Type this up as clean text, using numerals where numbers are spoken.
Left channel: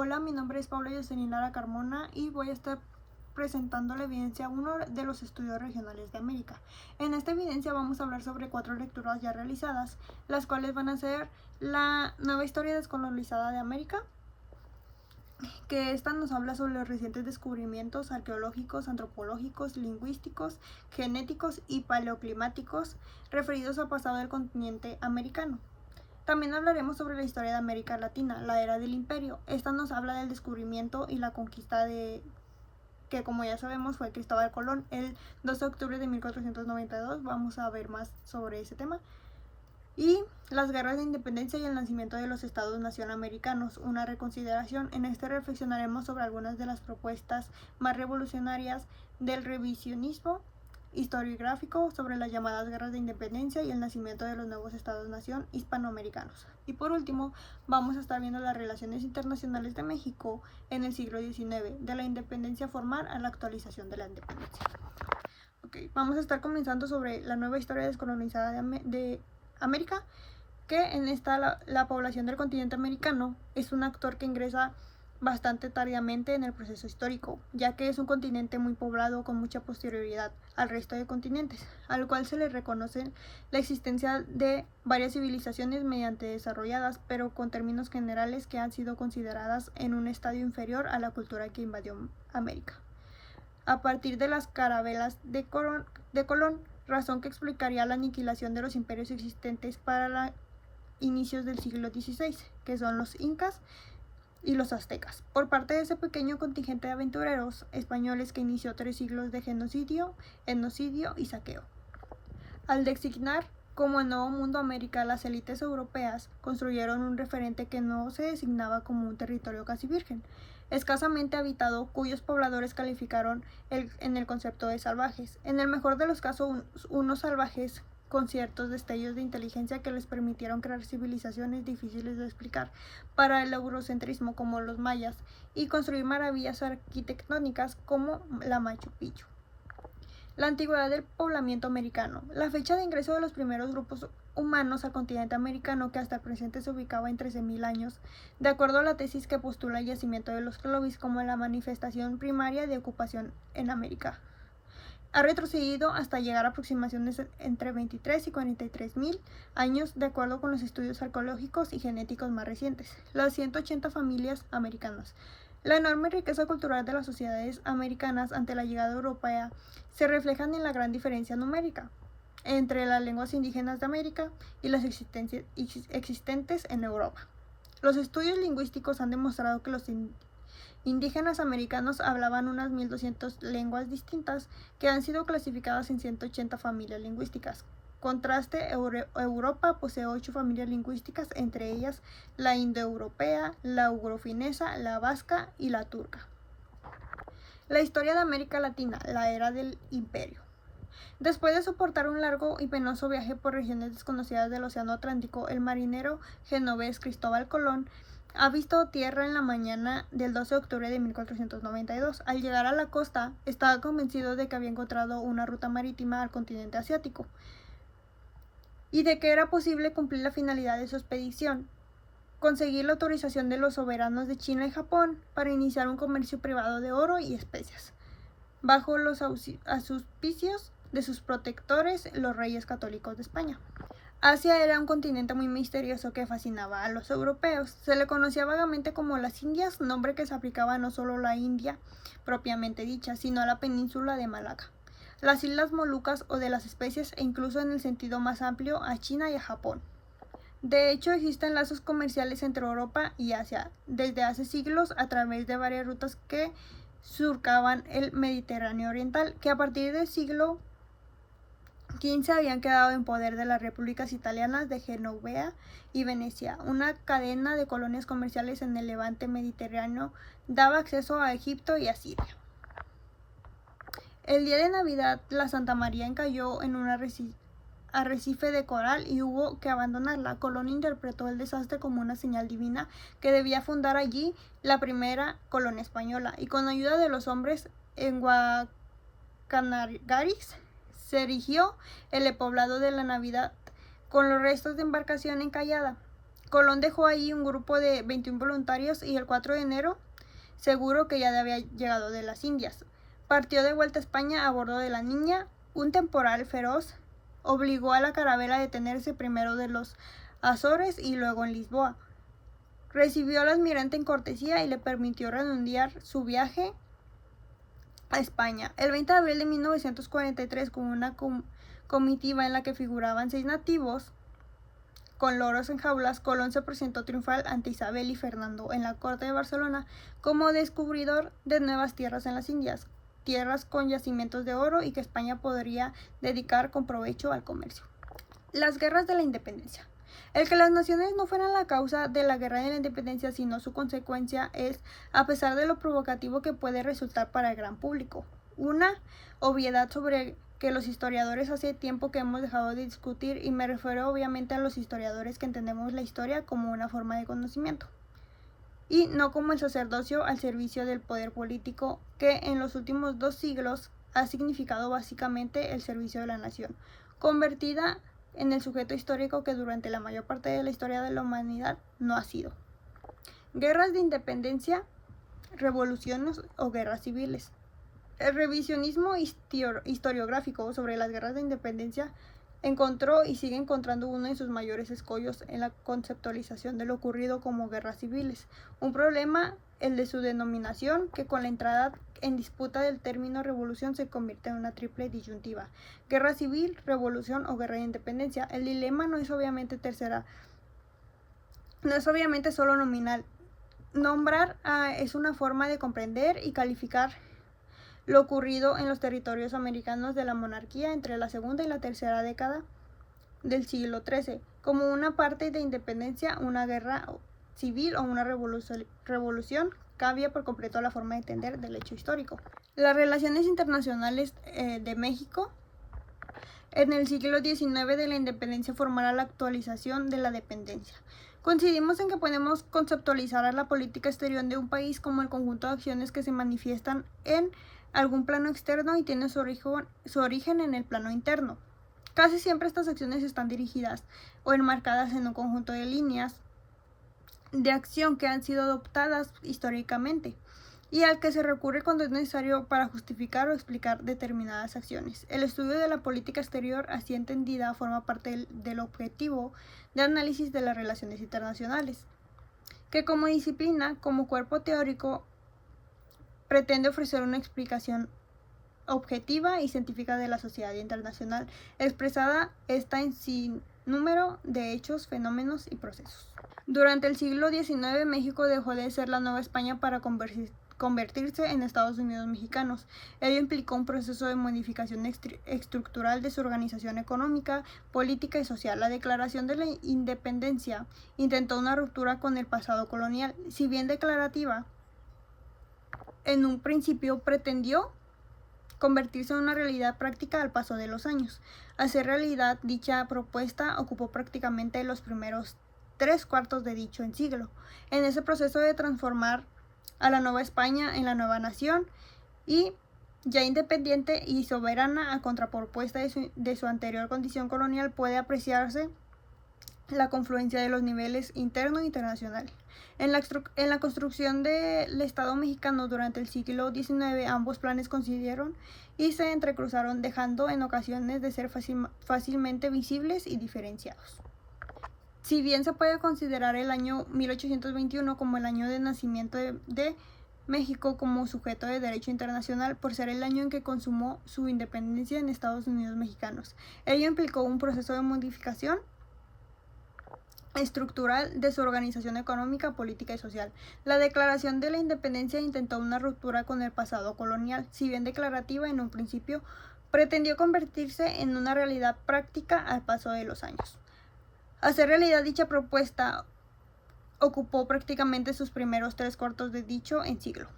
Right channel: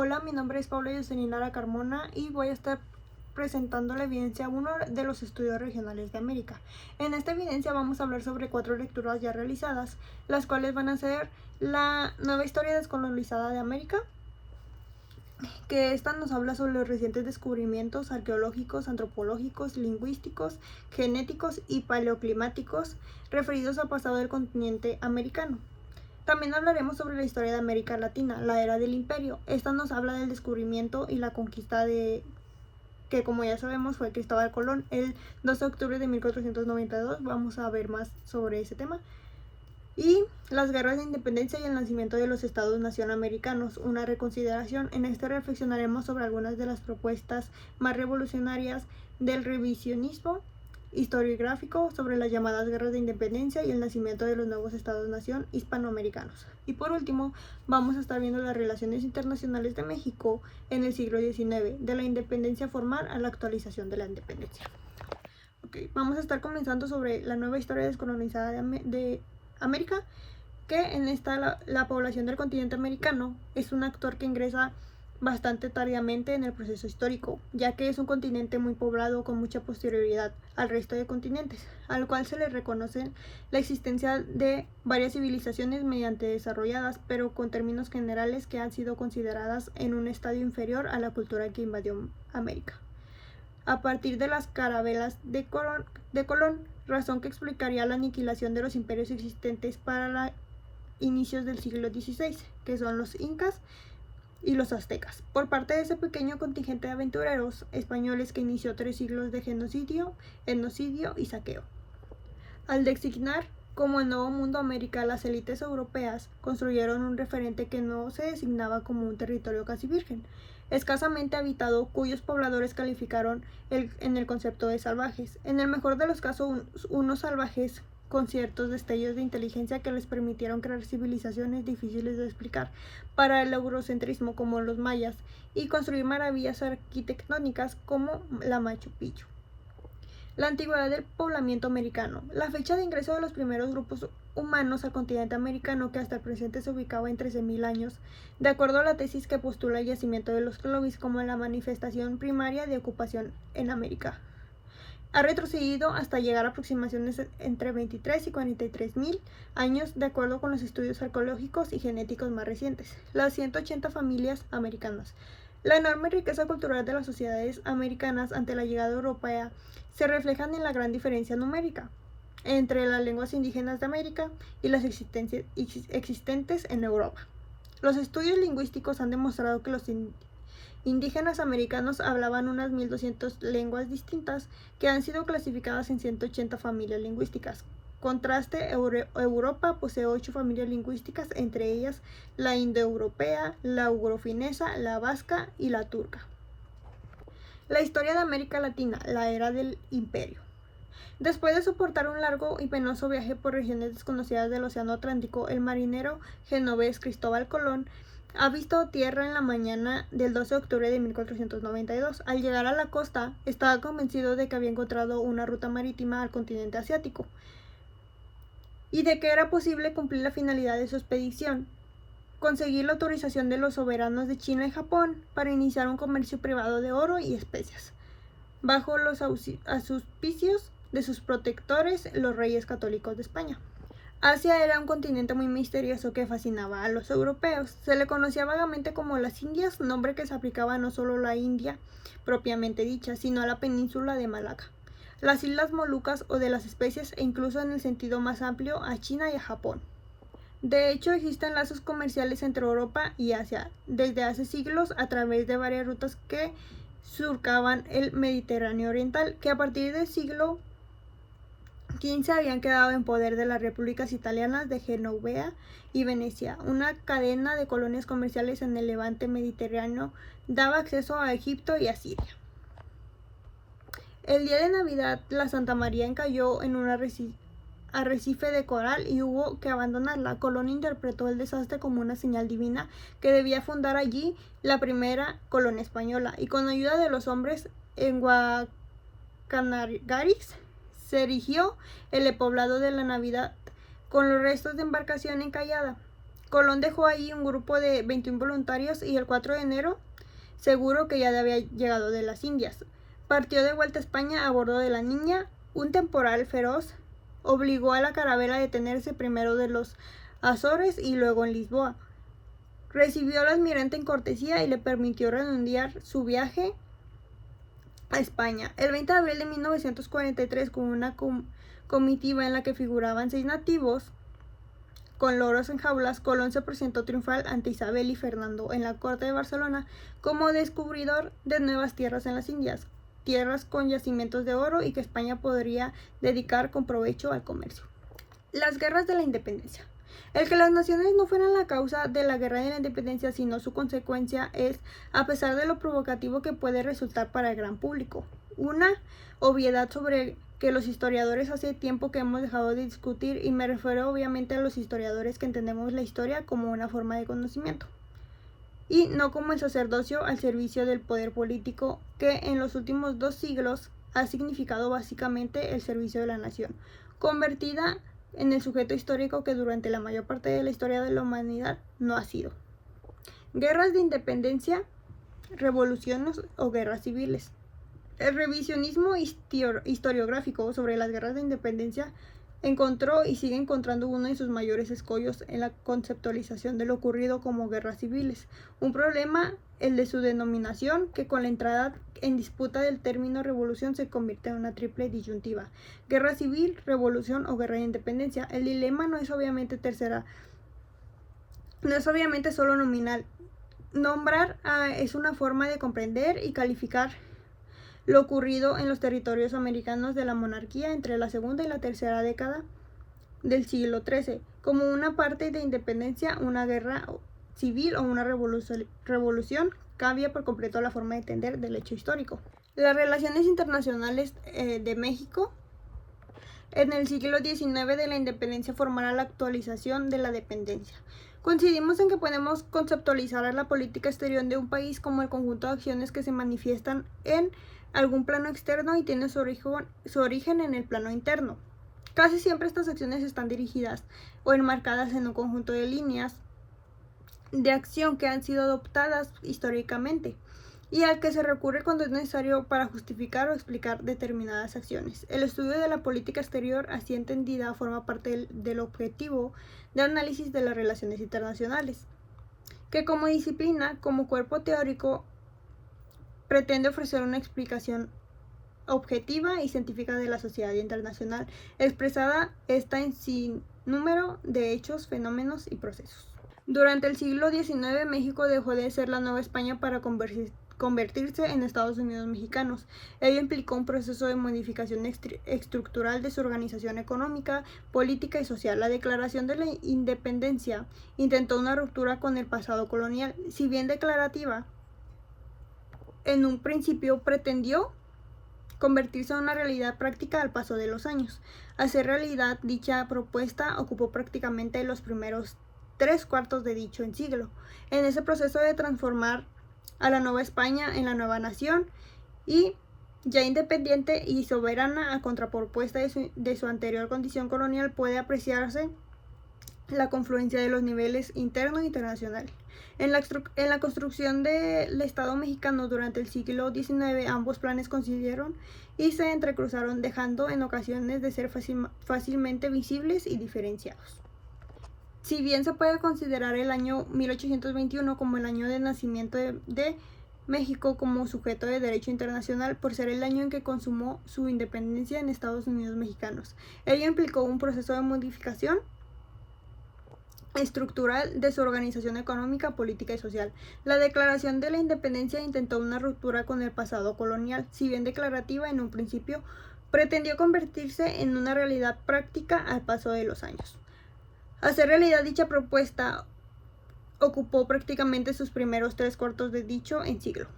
Hola, mi nombre es Paula Yoselin Lara Carmona y voy a estar presentando la evidencia 1 de los estudios regionales de América. En esta evidencia vamos a hablar sobre 4 lecturas ya realizadas, las cuales van a ser la nueva historia descolonizada de América, que esta nos habla sobre los recientes descubrimientos arqueológicos, antropológicos, lingüísticos, genéticos y paleoclimáticos referidos al pasado del continente americano. También hablaremos sobre la historia de América Latina, la era del imperio. Esta nos habla del descubrimiento y la conquista que, como ya sabemos, fue Cristóbal Colón el 12 de octubre de 1492. Vamos a ver más sobre ese tema. Y las guerras de independencia y el nacimiento de los estados-nación americanos, una reconsideración. En este reflexionaremos sobre algunas de las propuestas más revolucionarias del revisionismo historiográfico sobre las llamadas guerras de independencia y el nacimiento de los nuevos estados-nación hispanoamericanos. Y por último, vamos a estar viendo las relaciones internacionales de México en el siglo XIX, de la independencia formal a la actualización de la independencia. Vamos a estar comenzando sobre la nueva historia descolonizada de América, que en esta la población del continente americano es un actor que ingresa bastante tardíamente en el proceso histórico, ya que es un continente muy poblado con mucha posterioridad al resto de continentes, al cual se le reconoce la existencia de varias civilizaciones mediante desarrolladas, pero con términos generales que han sido consideradas en un estadio inferior a la cultura que invadió América. A partir de las carabelas de Colón, razón que explicaría la aniquilación de los imperios existentes para inicios del siglo XVI, que son los incas y los aztecas, por parte de ese pequeño contingente de aventureros españoles que inició 3 siglos de genocidio, etnocidio y saqueo. Al designar como el Nuevo Mundo América, las élites europeas construyeron un referente que no se designaba como un territorio casi virgen, escasamente habitado, cuyos pobladores calificaron en el concepto de salvajes. En el mejor de los casos, unos salvajes con ciertos destellos de inteligencia que les permitieron crear civilizaciones difíciles de explicar para el eurocentrismo como los mayas y construir maravillas arquitectónicas como la Machu Picchu. La antigüedad del poblamiento americano. La fecha de ingreso de los primeros grupos humanos al continente americano, que hasta el presente se ubicaba en 13.000 años, de acuerdo a la tesis que postula el yacimiento de los Clovis como la manifestación primaria de ocupación en América, ha retrocedido hasta llegar a aproximaciones entre 23 y 43.000 años de acuerdo con los estudios arqueológicos y genéticos más recientes. Las 180 familias americanas. La enorme riqueza cultural de las sociedades americanas ante la llegada europea se reflejan en la gran diferencia numérica entre las lenguas indígenas de América y las existentes en Europa. Los estudios lingüísticos han demostrado que los indígenas americanos hablaban unas 1.200 lenguas distintas que han sido clasificadas en 180 familias lingüísticas. Contraste, Europa posee 8 familias lingüísticas, entre ellas la indoeuropea, la ugrofinesa, la vasca y la turca. La historia de América Latina, la era del imperio. Después de soportar un largo y penoso viaje por regiones desconocidas del Océano Atlántico, el marinero genovés Cristóbal Colón ha visto tierra en la mañana del 12 de octubre de 1492. Al llegar a la costa, estaba convencido de que había encontrado una ruta marítima al continente asiático y de que era posible cumplir la finalidad de su expedición: conseguir la autorización de los soberanos de China y Japón para iniciar un comercio privado de oro y especias, bajo los auspicios de sus protectores, los reyes católicos de España. Asia era un continente muy misterioso que fascinaba a los europeos. Se le conocía vagamente como las Indias, nombre que se aplicaba no solo a la India propiamente dicha, sino a la península de Malaca, las Islas Molucas o de las especies, e incluso en el sentido más amplio a China y a Japón. De hecho, existen lazos comerciales entre Europa y Asia desde hace siglos a través de varias rutas que surcaban el Mediterráneo oriental, que a partir del siglo XV habían quedado en poder de las repúblicas italianas de Genovea y Venecia. Una cadena de colonias comerciales en el levante mediterráneo daba acceso a Egipto y a Siria. El día de Navidad, la Santa María encalló en un arrecife de coral y hubo que abandonarla. Colón interpretó el desastre como una señal divina que debía fundar allí la primera colonia española, y con ayuda de los hombres en Guacanagaris se erigió el poblado de la Navidad con los restos de embarcación encallada. Colón dejó ahí un grupo de 21 voluntarios y el 4 de enero, seguro que ya había llegado de las Indias, partió de vuelta a España a bordo de la Niña. Un temporal feroz obligó a la carabela a detenerse primero de los Azores y luego en Lisboa. Recibió al almirante en cortesía y le permitió reanudar su viaje a España. El 20 de abril de 1943, con una comitiva en la que figuraban 6 nativos con loros en jaulas, Colón se presentó triunfal ante Isabel y Fernando en la corte de Barcelona como descubridor de nuevas tierras en las Indias, tierras con yacimientos de oro y que España podría dedicar con provecho al comercio. Las guerras de la independencia. El que las naciones no fueran la causa de la guerra de la independencia, sino su consecuencia, es, a pesar de lo provocativo que puede resultar para el gran público, una obviedad sobre que los historiadores hace tiempo que hemos dejado de discutir, y me refiero obviamente a los historiadores que entendemos la historia como una forma de conocimiento y no como el sacerdocio al servicio del poder político, que en los últimos 2 siglos ha significado básicamente el servicio de la nación, convertida en el sujeto histórico que durante la mayor parte de la historia de la humanidad no ha sido. Guerras de independencia, revoluciones o guerras civiles. El revisionismo historiográfico sobre las guerras de independencia encontró y sigue encontrando uno de sus mayores escollos en la conceptualización de lo ocurrido como guerras civiles, un problema, el de su denominación, que con la entrada en disputa del término revolución se convierte en una triple disyuntiva: guerra civil, revolución o guerra de independencia. El dilema no es obviamente solo nominal. Nombrar es una forma de comprender y calificar lo ocurrido en los territorios americanos de la monarquía entre la segunda y la tercera década del siglo XIII, como una parte de independencia, una guerra civil o una revolución. Cambia por completo la forma de entender del hecho histórico. Las relaciones internacionales de México en el siglo XIX de la independencia formará la actualización de la dependencia. Coincidimos en que podemos conceptualizar a la política exterior de un país como el conjunto de acciones que se manifiestan en algún plano externo y tienen su origen en el plano interno. Casi siempre estas acciones están dirigidas o enmarcadas en un conjunto de líneas de acción que han sido adoptadas históricamente y al que se recurre cuando es necesario para justificar o explicar determinadas acciones. El estudio de la política exterior, así entendida, forma parte del objetivo de análisis de las relaciones internacionales, que como disciplina, como cuerpo teórico, pretende ofrecer una explicación objetiva y científica de la sociedad internacional, expresada esta en sin número de hechos, fenómenos y procesos. Durante el siglo XIX, México dejó de ser la Nueva España para convertirse en Estados Unidos mexicanos. Ello implicó un proceso de modificación estructural de su organización económica, política y social. La Declaración de la Independencia intentó una ruptura con el pasado colonial. Si bien declarativa, en un principio pretendió convertirse en una realidad práctica al paso de los años. Hacer realidad dicha propuesta ocupó prácticamente los primeros 3/4 de dicho siglo. En ese proceso de transformar a la Nueva España en la nueva nación y ya independiente y soberana, a contrapropuesta de su anterior condición colonial, puede apreciarse la confluencia de los niveles interno e internacional. En la construcción del Estado mexicano durante el siglo XIX, ambos planes coincidieron y se entrecruzaron, dejando en ocasiones de ser fácilmente visibles y diferenciados. Si bien se puede considerar el año 1821 como el año de nacimiento de México como sujeto de derecho internacional, por ser el año en que consumó su independencia en Estados Unidos mexicanos, ello implicó un proceso de modificación estructural de su organización económica, política y social. La Declaración de la Independencia intentó una ruptura con el pasado colonial. Si bien declarativa en un principio, pretendió convertirse en una realidad práctica al paso de los años. Hacer realidad dicha propuesta ocupó prácticamente sus primeros 3/4 de dicho siglo.